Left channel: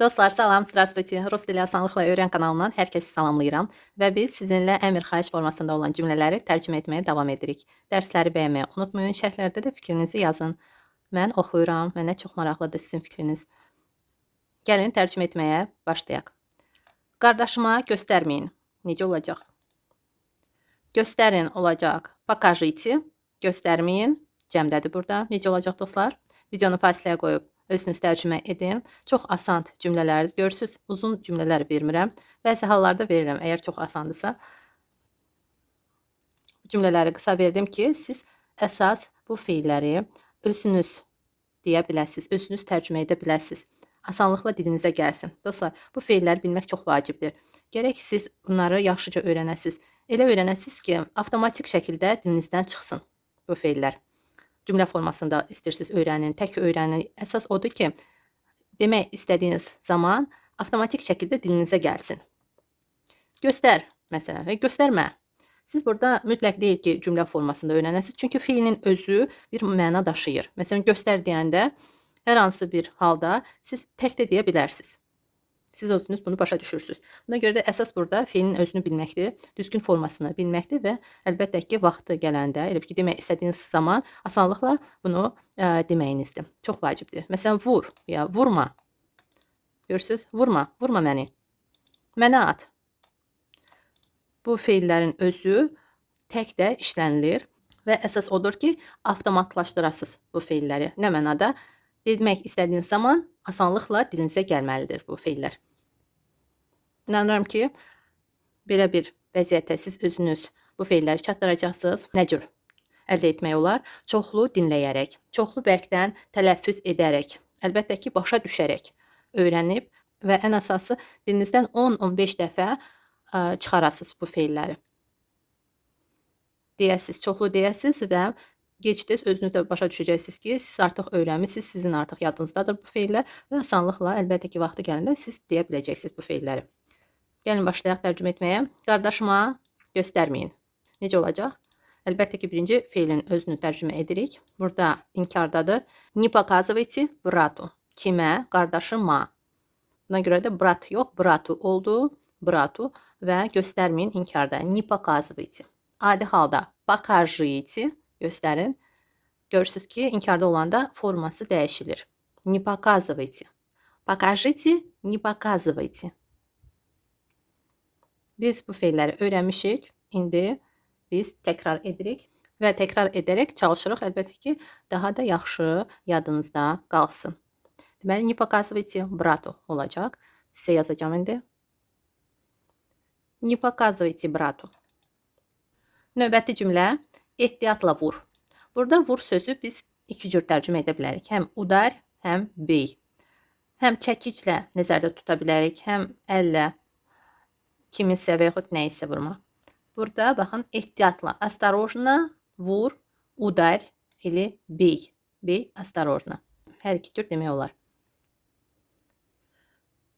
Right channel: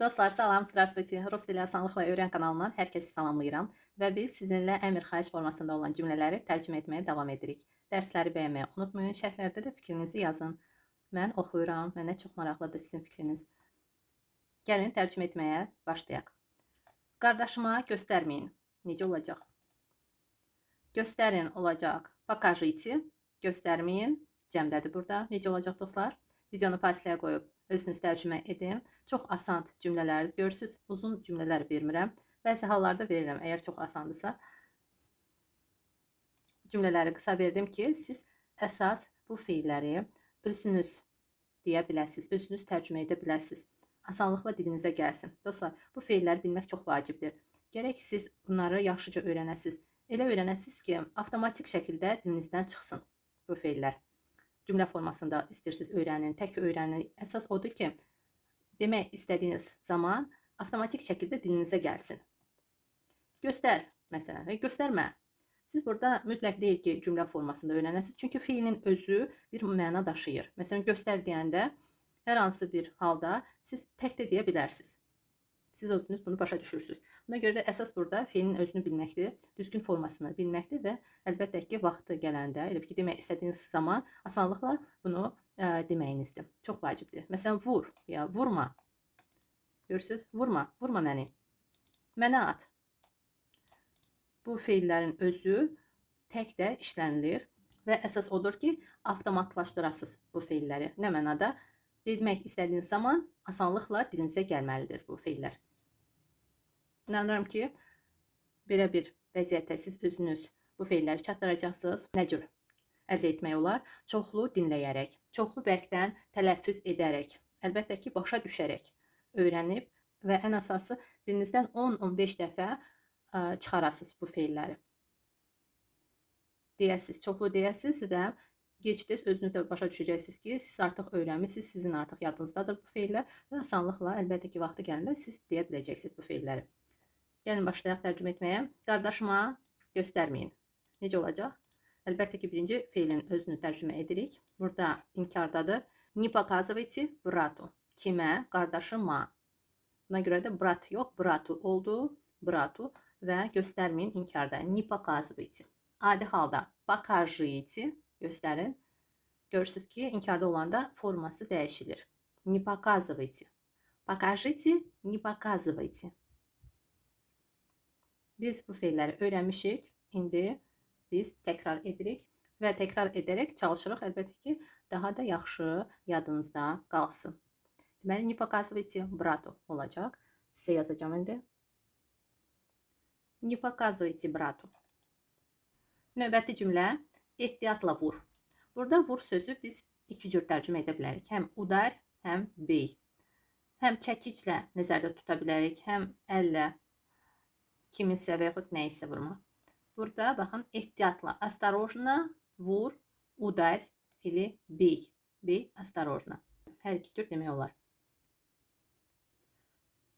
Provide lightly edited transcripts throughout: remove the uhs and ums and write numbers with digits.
Dostlar, salam, здравствуйте. Rus dili asanlıqla öyrən kanalından hər kəsi salamlayıram və biz sizinlə əmr xahiş formasında olan cümlələri tərcümə etməyə davam edirik. Dərsləri bəyənməyi unutmayın, şərhlərdə də fikrinizi yazın. Mən oxuyuram, mənə çox maraqlıdır sizin fikriniz. Gəlin tərcümə etməyə başlayaq. Qardaşıma göstərməyin. Necə olacaq? Göstərin olacaq. Покажите. Göstərməyin. Cəmdədir burada. Necə olacaq dostlar? Videonu fasiləyə qoyub özünüz tərcümə edin. Çox asan cümlələr görürsüz. Uzun cümlələr vermirəm. Bəzi hallarda verirəm, əgər çox asandırsa. Cümlələri qısa verdim ki, siz əsas bu feilləri özünüz deyə biləsiniz, özünüz tərcümə edə biləsiniz. Asanlıqla dilinizə gəlsin. Dostlar, bu feilləri bilmək çox vacibdir. Gərək siz bunları yaxşıca öyrənəsiniz. Elə öyrənəsiniz ki, avtomatik şəkildə dilinizdən çıxsın bu feillər. Cümlə formasında istəyirsiniz öyrənin, tək öyrənin. Əsas odur ki, demək istədiyiniz zaman avtomatik şəkildə dilinizə gəlsin. Göstər, məsələn, və göstərmə. Siz burada mütləq deyil ki, cümlə formasında öyrənəsiniz. Çünki feilin özü bir məna daşıyır. Məsələn, göstər deyəndə hər hansı bir halda siz tək də deyə bilərsiniz. Siz özünüz bunu başa düşürsünüz. Buna görə də əsas burada feilin özünü bilməkdir, düzgün formasını bilməkdir və əlbəttə ki, vaxtı gələndə, elə ki, demək istədiyiniz zaman asanlıqla bunu deməyinizdir. Çox vacibdir. Məsələn, vur, ya vurma. Görürsüz? Vurma, vurma məni. Mənə at. Bu feillərin özü tək də işlənilir və əsas odur ki, avtomatlaşdırasınız bu feilləri. Nə mənada? Demək istədiyiniz zaman asanlıqla dilinizə gəlməlidir bu feillər. İnanıram ki, belə bir vəziyyətdə siz özünüz bu feilləri çatdıracaqsınız. Nə cür əldə etmək olar? Çoxlu dinləyərək, çoxlu bərkdən tələffüz edərək, əlbəttə ki, başa düşərək öyrənib və ən əsası dilinizdən 10-15 dəfə çıxarasınız bu feilləri. Deyəsiniz, çoxlu deyəsiniz və gec-tez özünüz də başa düşəcəksiniz ki, siz artıq öyrənmisiniz, sizin artıq yadınızdadır bu feillər və asanlıqla əlbəttə ki, vaxtı gələndə siz deyə biləcəksiniz bu feilləri. Gəlin başlayaq tərcümə etməyə. Qardaşıma göstərməyin. Necə olacaq? Əlbəttə ki, birinci feilin özünü tərcümə edirik. Burada inkardadır. Не показывайте брату. Kimə? Qardaşıma. Buna görə də brat yox, bratu oldu. Bratu və göstərməyin inkarda. Не показывайте. Adi halda покажите, göstərin. Görürsünüz ki, inkarda olanda forması dəyişilir. Не показывайте. Покажите, не показывайте. Biz bu feilləri öyrənmişik. İndi biz təkrar edirik və təkrar edərək çalışırıq. Əlbəttə ki, daha da yaxşı yadınızda qalsın. Deməli, не показывайте брату olacaq. Sizə yazacağım indi. Не показывайте брату. Növbəti cümlə, ehtiyatla vur. Burada vur sözü biz iki cür tərcümə edə bilərik. Həm udar, həm bey. Həm çəkiclə nəzərdə tuta bilərik, həm əllə kiminsə və yaxud nəyisə vurma. Burada baxın, ehtiyatla, осторожно vur, udar, или bey. Bey, осторожно. Hər iki cür demək olar.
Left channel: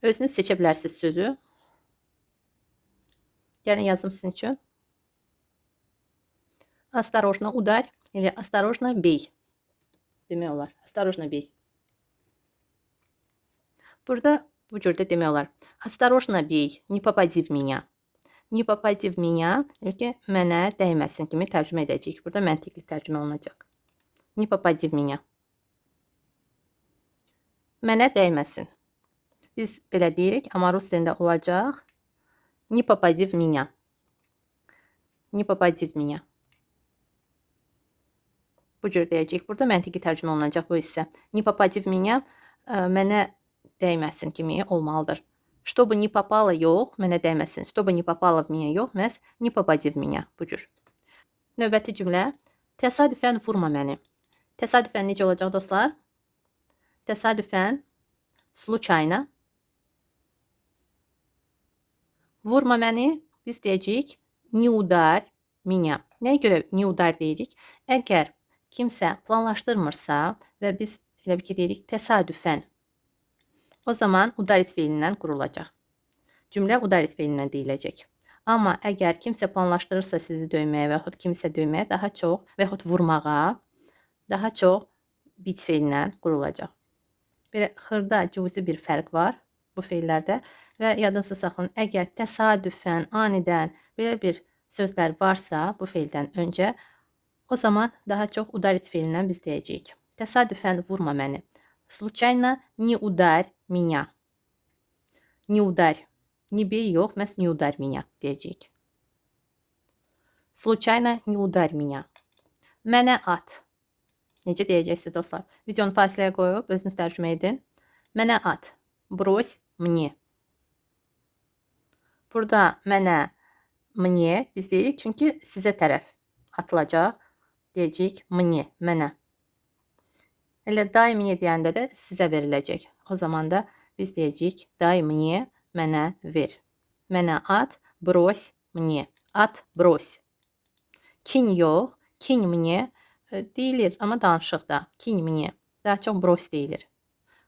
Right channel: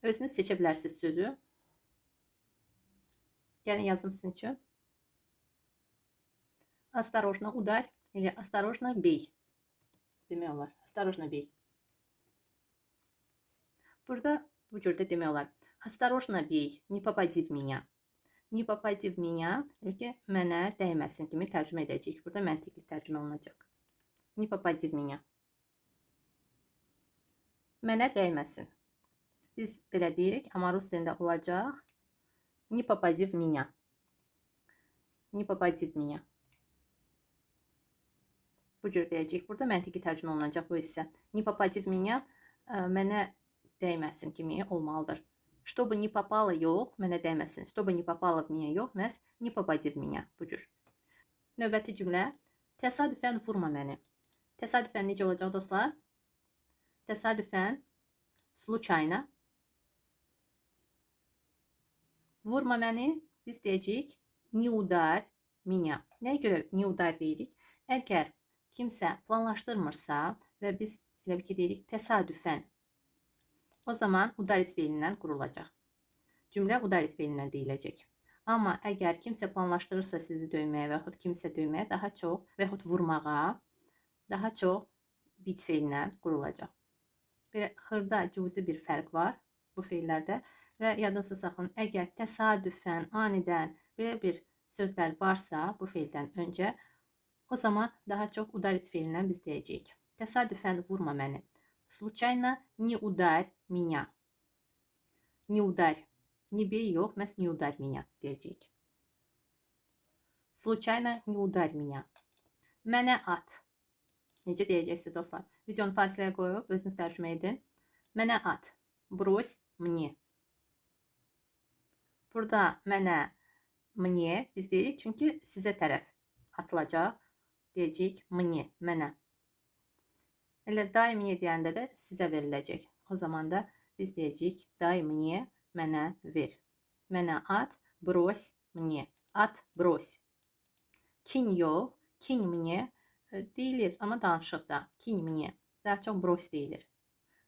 Özünüz seçə bilərsiniz sözü. Gəlin yazım sizin üçün. Осторожно ударь или осторожно бей. Demək olar. Осторожно bey. Burada bu cürdə demək olar. Осторожно bey, не попади в меня. Не попади в меня, mənə dəyməsin kimi tərcümə edəcəyik. Burada məntiqli tərcümə olunacaq. Не попади в меня. Mənə dəyməsin. Biz belə deyirik, amma rus dilində olacaq. Не попади в меня. Не попади в меня. Bu cür deyəcəyik. Burada məntiqi tərcümə olunacaq bu hissə. Не попади в меня mənə dəyməsin kimi olmalıdır. Чтобы не попало yox, mənə dəyməsin. Чтобы не попало в меня yox, məhz не попади в меня. Bu cür. Növbəti cümlə. Təsadüfən vurma məni. Təsadüfən necə olacaq dostlar? Təsadüfən случайно vurma məni. Biz deyəcəyik не ударь меня. Nəyə görə не ударь deyirik? Əgər kimsə planlaşdırmırsa və biz elə bir ki deyirik təsadüfən, o zaman udarit feilindən qurulacaq. Cümlə udarit feilindən deyiləcək. Amma əgər kimsə planlaşdırırsa sizi döyməyə və yaxud kimsə döyməyə daha çox və yaxud vurmağa daha çox bit feilindən qurulacaq. Belə xırda cüzi bir fərq var. bu feillərdə və yadınızda saxlayın, əgər təsadüfən, anidən belə bir sözlər varsa bu feildən öncə, o zaman daha çox udarit feilindən biz deyəcəyik. Təsadüfən vurma məni. Случайно не ударь меня. Не ударь. Не bey yox, məhz не ударь меня deyəcəyik. Случайно не ударь меня. Mənə at. Necə deyəcəksiniz dostlar? Videonu fasiləyə qoyub özünüz tərcümə edin. Mənə at. Брось мне. Burada mənə, мне biz deyirik çünki sizə tərəf atılacaq. Deyəcəyik мне, mənə. Elə дай мне deyəndə də sizə veriləcək. O zaman da biz deyəcəyik дай мне, mənə ver. Mənə at, брось мне. At, брось. Кинь yox, кинь мне deyilir, amma danışıqda. Кинь мне. Daha çox брось deyilir.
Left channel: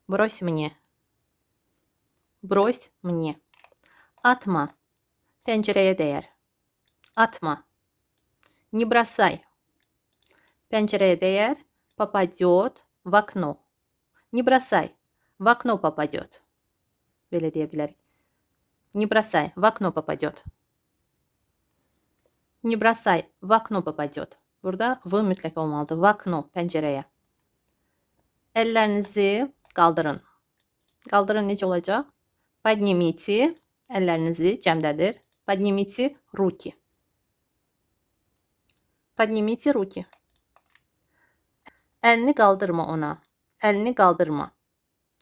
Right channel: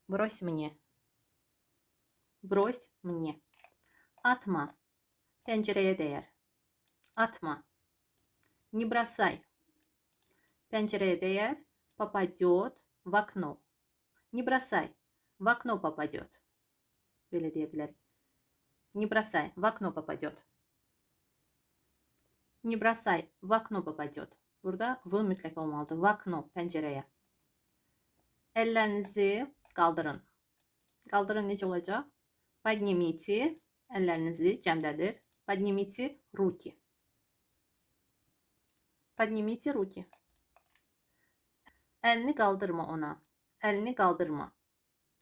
Брось мне. Брось мне. Atma. Pəncərəyə dəyər. Atma. Не бросай. Пенчерeye değer, попадет в окно. Не бросай, в окно попадет. Böyle diyebilirik. Не бросай, в окно попадет. Не бросай, в окно попадет. Burada v mütləq olmalıdır. В окно, pəncərəyə. Əllərinizi qaldırın. Qaldırın necə olacaq? Поднимите, əllərinizi cəmdədir. Поднимите руки. Поднимите руки. Əlini qaldırma ona. Əlini qaldırma.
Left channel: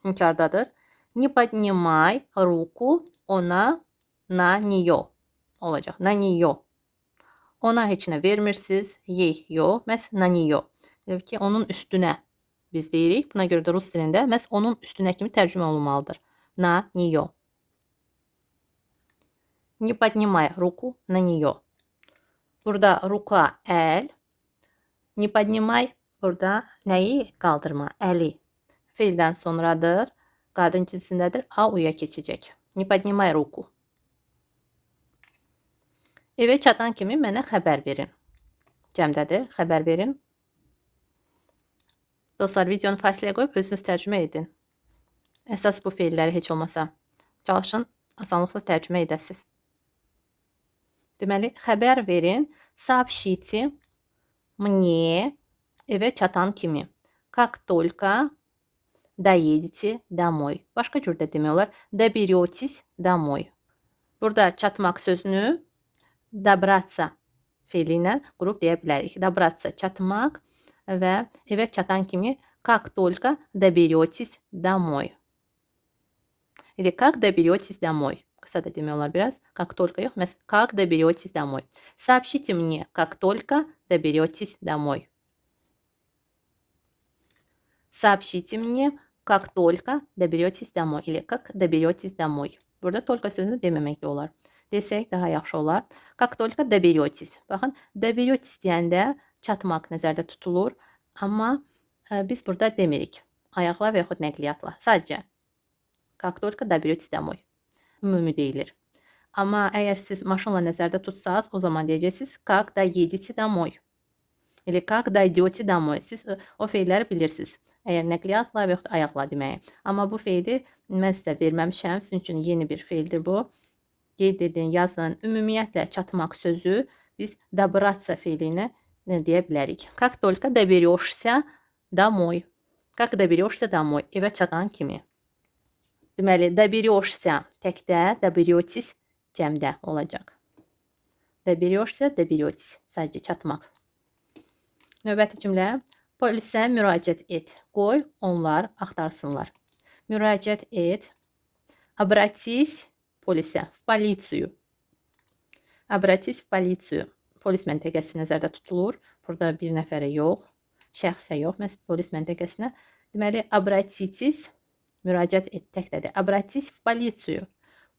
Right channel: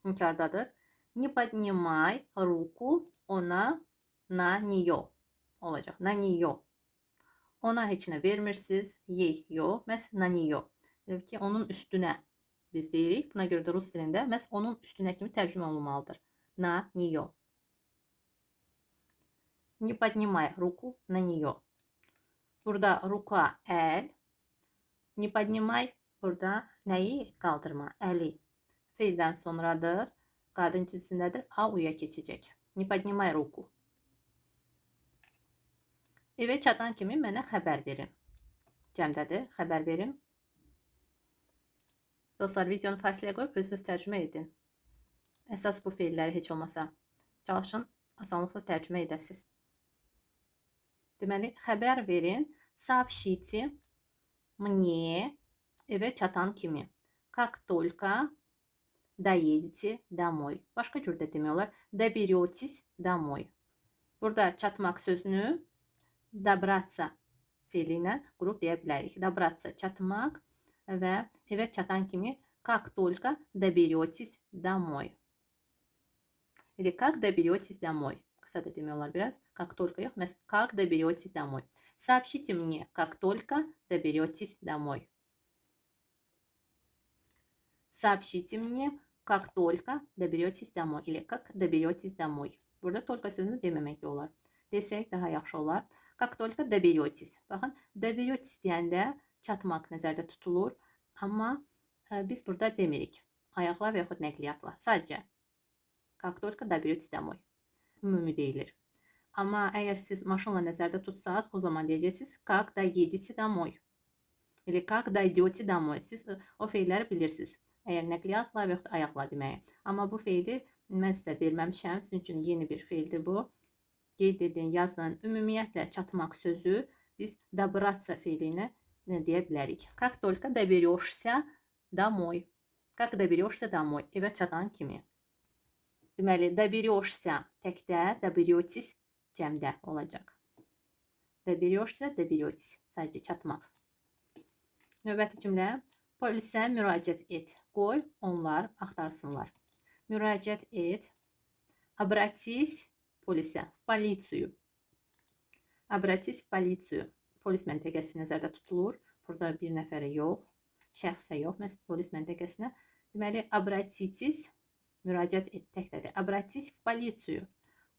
İnkardadır. Не поднимай руку ona, на нее olacaq. На нее. Ona heç nə vermirsiniz. Ей, yox. Məhz на нее. Demək ki, onun üstünə biz deyirik. Buna görə də rus dilində məhz onun üstünə kimi tərcümə olunmalıdır. На нее. Не поднимай руку на нее. Burada ruka əl. Не поднимай burada nəyi qaldırma? Əli. Feildən sonradır. Qadın cinsindədir. A-uya keçəcək. Не поднимай руку. Evə çatan kimi mənə xəbər verin. Cəmdədir. Xəbər verin. Dostlar, videonu fasiləyə qoyub özünüz tərcümə edin. Əsas bu feilləri heç olmasa çalışın, asanlıqla tərcümə edəsiniz. Deməli, xəbər verin. Сообщите мне evə çatan kimi. Как только доедете домой. Başqa cür də demək olar. Доберетесь домой. Burada çatmaq sözünü добраться feili ilə qurub deyə bilərik. Добраться çatmaq və evə çatan kimi как только доберетесь домой. Или как доберетесь домой. Qısa da demək olar biraz. Как только yox, məhz как доберетесь домой. Сообщите мне, как только доберетесь домой. Сообщите мне, как только доберетесь домой. Или как доберетесь домой. Burada только sözünü deməmək də olar. Desək daha yaxşı olar. Как только доберетесь. Baxın, доберетесь deyəndə çatmaq nəzərdə tutulur. Amma biz burada demirik. Ayaqla və yaxud nəqliyyatla. Sadəcə как только доберетесь домой. Ümumi deyilir. Amma əgər siz maşınla nəzərdə tutsanız, o zaman deyəcəksiniz как доедете домой. Или как дойдете домой. Siz o feilləri bilirsiniz. Əgər nəqliyyatla və yaxud ayaqla deməyi. Amma bu feili mən sizə verməmişəm. Sizin üçün yeni bir feildir bu. Qeyd edin, yazın. Ümumiyyətlə çatmaq sözü biz добраться feilinə deyə bilərik. Как только доберешься домой. Как доберешься домой. Evə çatan kimi. Deməli, доберешься təkdə, доберетесь cəmdə olacaq. Доберешься, доберетесь. Sadəcə çatmaq. Növbəti cümlə. Polisə müraciət et. Qoy, onlar axtarsınlar. Müraciət et. Обратись polisə, в полицию. Обратись в полицию. Polis məntəqəsi nəzərdə tutulur. Burada bir nəfərə yox, şəxsə yox, məhz polis məntəqəsinə. Deməli, обратитесь, müraciət et təkdədir. Обратись в полицию.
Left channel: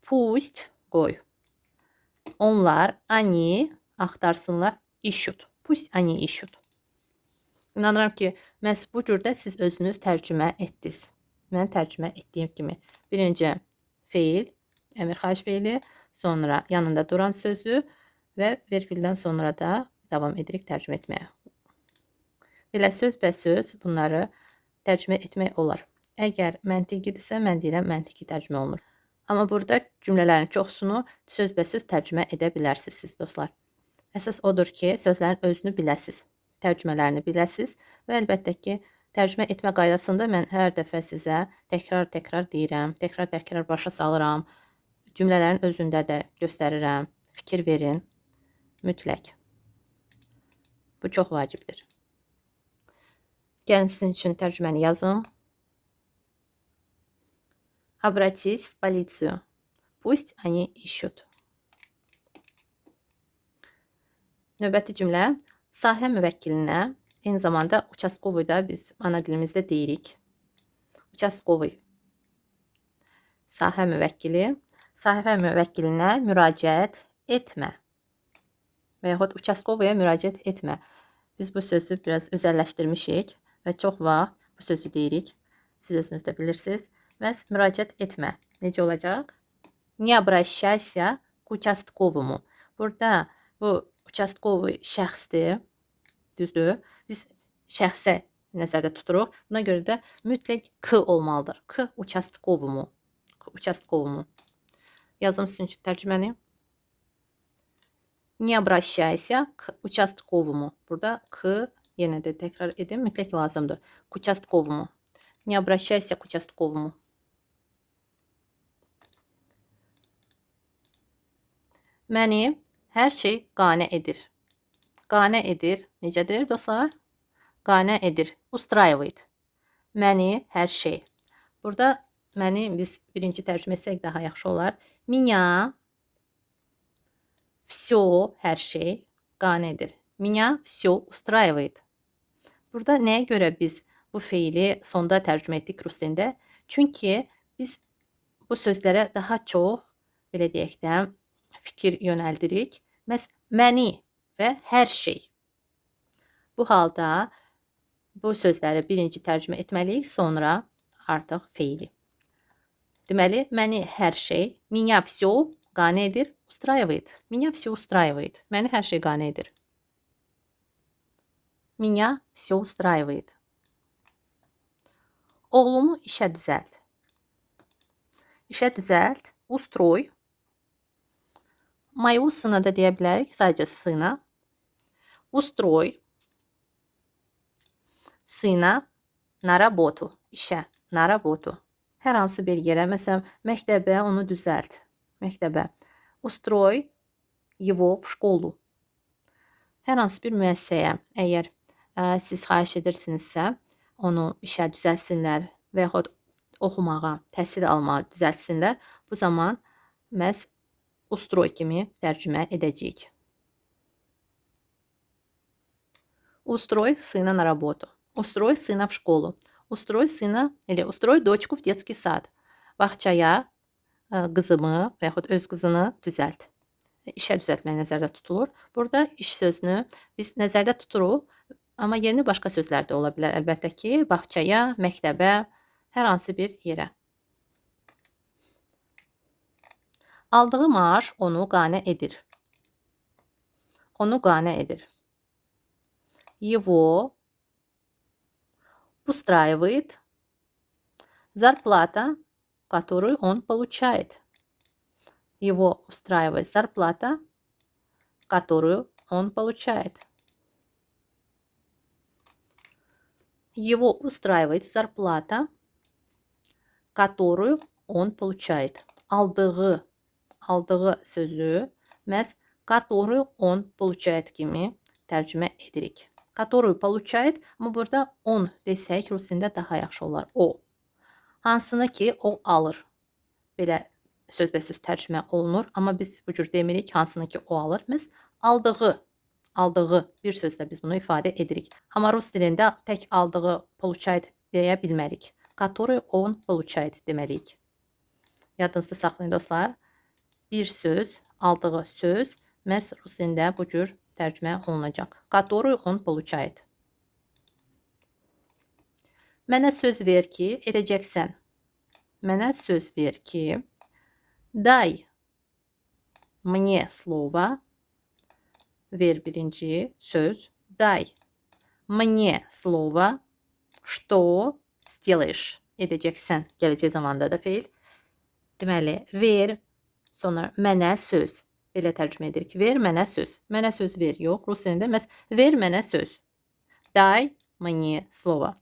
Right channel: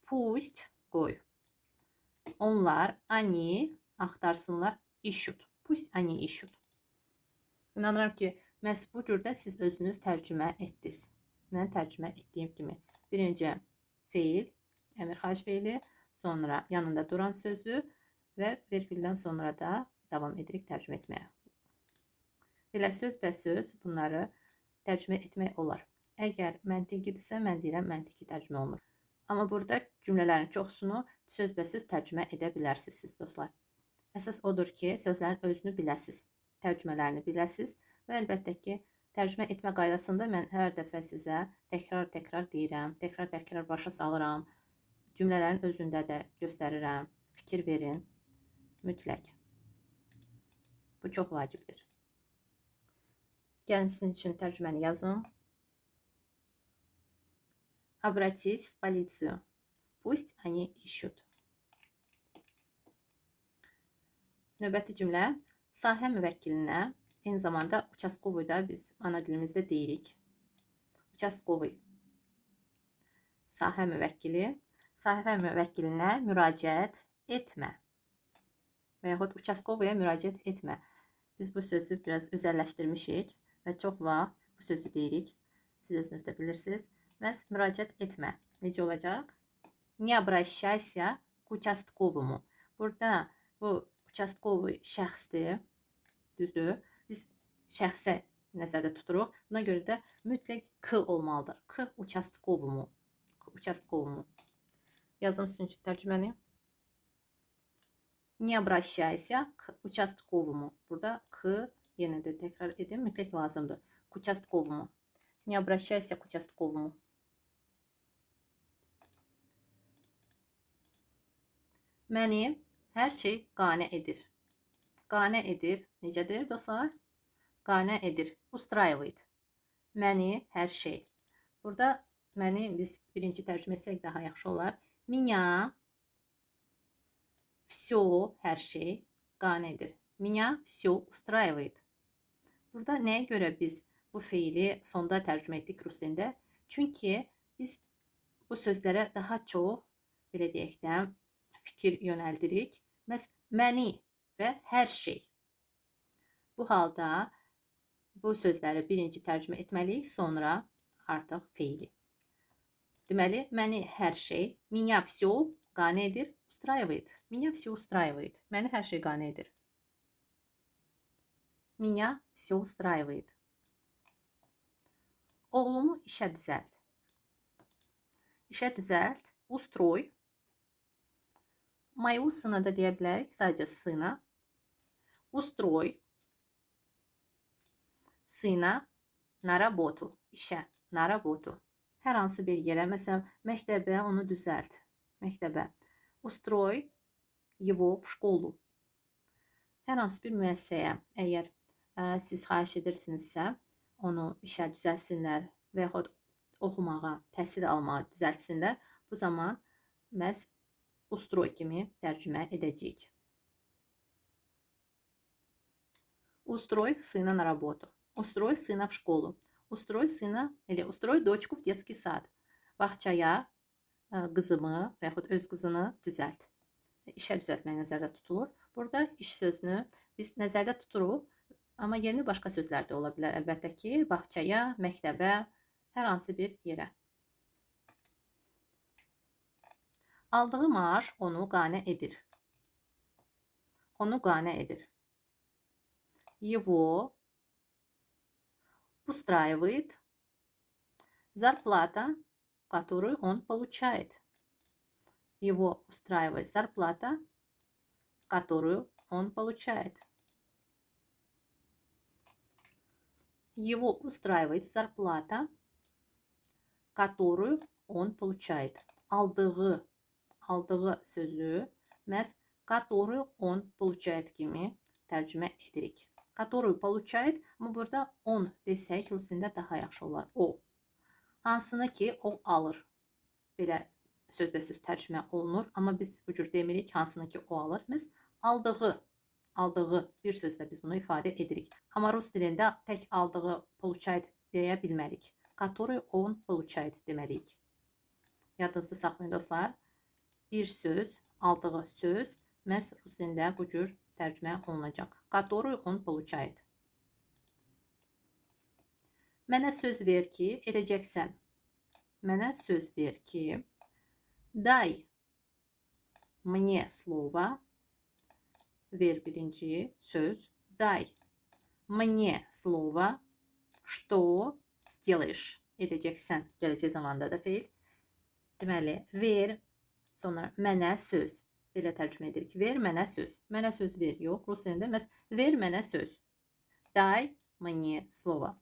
Пусть, qoy. Onlar, они, axtarsınlar, ищут. Пусть они ищут. İnanıram ki, məhz bu cürdə siz özünüz tərcümə etdiniz. Mən tərcümə etdiyim kimi. Birinci feil, əmir xahiş feili, sonra yanında duran sözü və vergüldən sonra da davam edirik tərcümə etməyə. Belə sözbəsöz bunları tərcümə etmək olar. Əgər məntiqidirsə, mən deyirəm məntiqi tərcümə olunur. Amma burada cümlələrin çoxsunu sözbəsöz tərcümə edə bilərsiniz siz dostlar. Əsas odur ki, sözlərin özünü biləsiz, tərcümələrini biləsiz və əlbəttə ki, tərcümə etmə qaydasında mən hər dəfə sizə təkrar-təkrar deyirəm, təkrar-təkrar başa salıram. Cümlələrin özündə də göstərirəm. Fikir verin. Mütləq. Bu çox vacibdir. Gəlin sizin üçün tərcüməni yazım. Обратись в полицию. Пусть они ищут. Növbəti cümlə sahə müvəkkilinə, eyni zamanda участковый da biz ana dilimizdə deyirik. Участковый. Sahə müvəkkilinə müraciət etmə. Və yaxud участковыya müraciət etmə. Biz bu sözü biraz özəlləşdirmişik və çox vaxt bu sözü deyirik. Siz özünüz də bilirsiniz. Və müraciət etmə. Necə olacaq? Не обращайся к участковому. Burada bu участковый şəxsdir. Düzdür? Biz şəxsə nəzərdə tuturuq. Buna görə də mütləq k olmalıdır. K участковому. Участковому. Yazım sizin üçün tərcüməni. Не обращайся к участковому. Burada k yenə də təkrar edin. Mütləq lazımdır. К участковому. Не обращайся к участковому. Məni hər şey qane edir. Qane edir. Necədir dostlar? Qane edir. Устраивает. Məni hər şey. Burada məni biz birinci tərcümə etsək daha yaxşı olar. Меня все, hər şey qane edir. Меня все устраивает. Burada nəyə görə biz bu feili sonda tərcümə etdik rus dilində? Çünki biz bu sözlərə daha çox, belə deyək də, fikir yönəldirik. Məni və hər şey. Bu halda bu sözləri birinci tərcümə etməliyik, sonra artıq feili. Deməli, məni hər şey, меня все qane edir, устраивает. Меня все устраивает. Məni hər şey qane edir. Меня все устраивает. Oğlumu işə düzəlt. İşə düzəlt. Устрой. Моего сына da deyə bilərik, sadəcə sına. Устрой. Sına на работу. İşə, на работу. Hər hansı bir yerə, məsələn, məktəbə onu düzəlt. Məktəbə. Устрой его в школу. Hər hansı bir müəssisəyə, əgər siz xahiş edirsinizsə, onu işə düzəlsinlər və yaxud oxumağa, təhsil almağa düzəltsinlər, bu zaman məhz ustroy kimi tərcümə edəcəyik. Устрой сына на работу. Устрой сына в школу. Устрой сына или устрой дочку в детский sad. Bağçaya qızımı və yaxud öz qızını düzəlt. İşə düzəltmək nəzərdə tutulur. Burada iş sözünü biz nəzərdə tuturuq, amma yerinə başqa sözlər də ola bilər. Əlbəttə ki, bağçaya, məktəbə, hər hansı bir yerə. Aldığı maaş onu qane edir. Onu qane edir. Его устраивает зарплата, которую он получает. Его устраивает зарплата, которую он получает. Его устраивает зарплата, которую он получает. Aldığı sözü məhz которую он получает kimi tərcümə edirik. Которую получает, amma burada on desək rusində daha yaxşı olar. O. Hansını ki o alır. Belə sözbəsöz tərcümə olunur, amma biz bu cür demirik hansını ki o alır. Məhz aldığı bir sözlə biz bunu ifadə edirik. Amma rus dilində tək aldığı получает deyə bilmərik. Который он получает deməliyik. Yadınızda saxlayın dostlar. Bir söz, aldığı söz məhz rus dilində bu cür tərcümə olunacaq. Который он получает. Mənə söz ver ki, edəcəksən. Mənə söz ver ki, дай мне слово. Ver birinci söz. Дай мне слово, что сделаешь. Edəcəksən. Gələcək zamanda da feil. Deməli, ver, sonra mənə söz. Belə tərcümə edirik. Ver mənə söz. Mənə söz ver. Yox, rus dilində məhz ver mənə söz. Дай мне слово.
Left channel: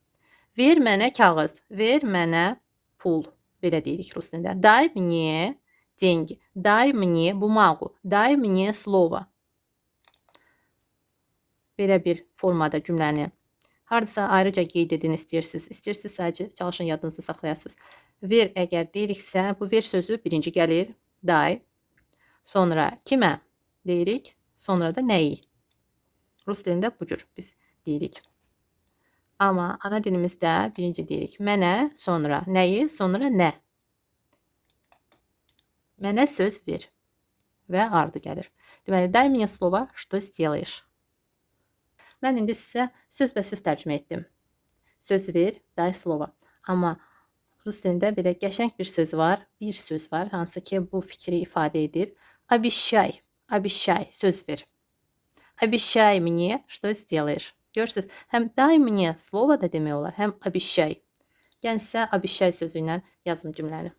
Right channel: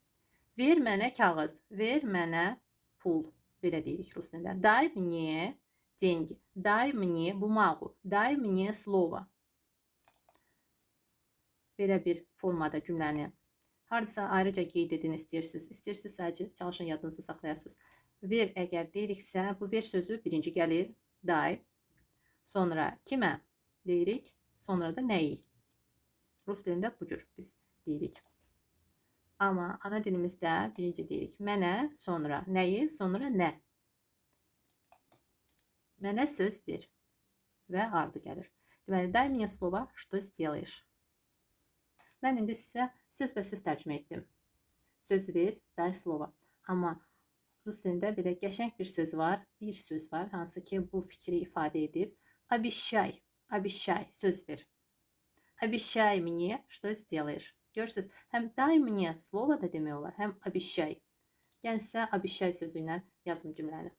Ver mənə kağız. Ver mənə pul. Belə deyirik rus dilində. Дай мне деньги. Дай мне бумагу. Дай мне слово. Belə bir formada cümləni hardasa ayrıca qeyd edin istəyirsiniz. İstəyirsiniz sadəcə çalışın yadınızda saxlayasınız. Ver əgər deyiriksə, bu ver sözü birinci gəlir. Дай. Sonra kimə deyirik? Sonra da nəyi? Rus dilində bu cür biz deyirik. Amma ana dilimizdə birinci deyirik mənə, sonra nəyi, sonra nə. Mənə söz ver və ardı gəlir. Deməli, дай мне слово, что сделаешь. Mən indi sizə sözbəsöz tərcümə etdim. Söz ver, дай слово. Amma rus dilində belə qəşəng bir söz var, hansı ki bu fikri ifadə edir. Обещай, обещай, söz ver. Обещай мне, что сделаешь. Görürsüz, həm дай мне слово da demək olar, həm обещай. Yəni sizə обещай sözü ilə yazım cümləni.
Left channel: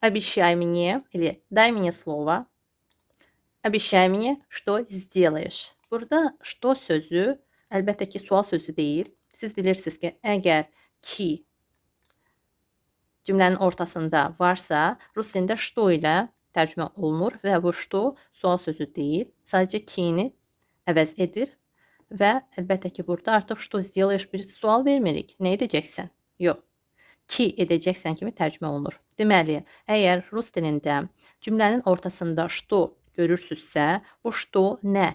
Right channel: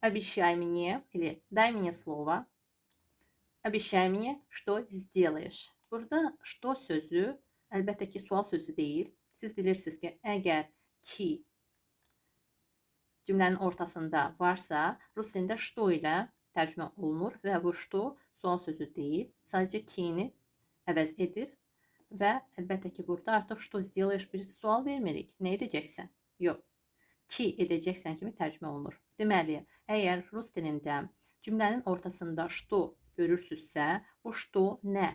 Обещай мне или дай мне слово. Обещай мне, что сделаешь. Burada что sözü əlbəttə ki sual sözü deyil. Siz bilirsiniz ki, əgər ki cümlənin ortasında varsa, rus dilində что ilə tərcümə olunur və bu что sual sözü deyil. Sadəcə ki-ni əvəz edir və əlbəttə ki, burada artıq что сделаешь bir sual vermirik. Nə edəcəksən? Yox. Ki edəcəksən kimi tərcümə olunur. Deməli, əgər rus dilində cümlənin ortasında что görürsünüzsə, bu что nə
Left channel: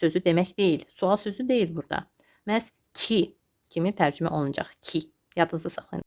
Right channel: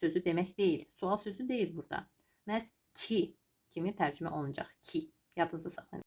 sözü demək deyil. Sual sözü deyil burada. Məhz ki kimi tərcümə olunacaq. Ki. Yadınızda saxlayın.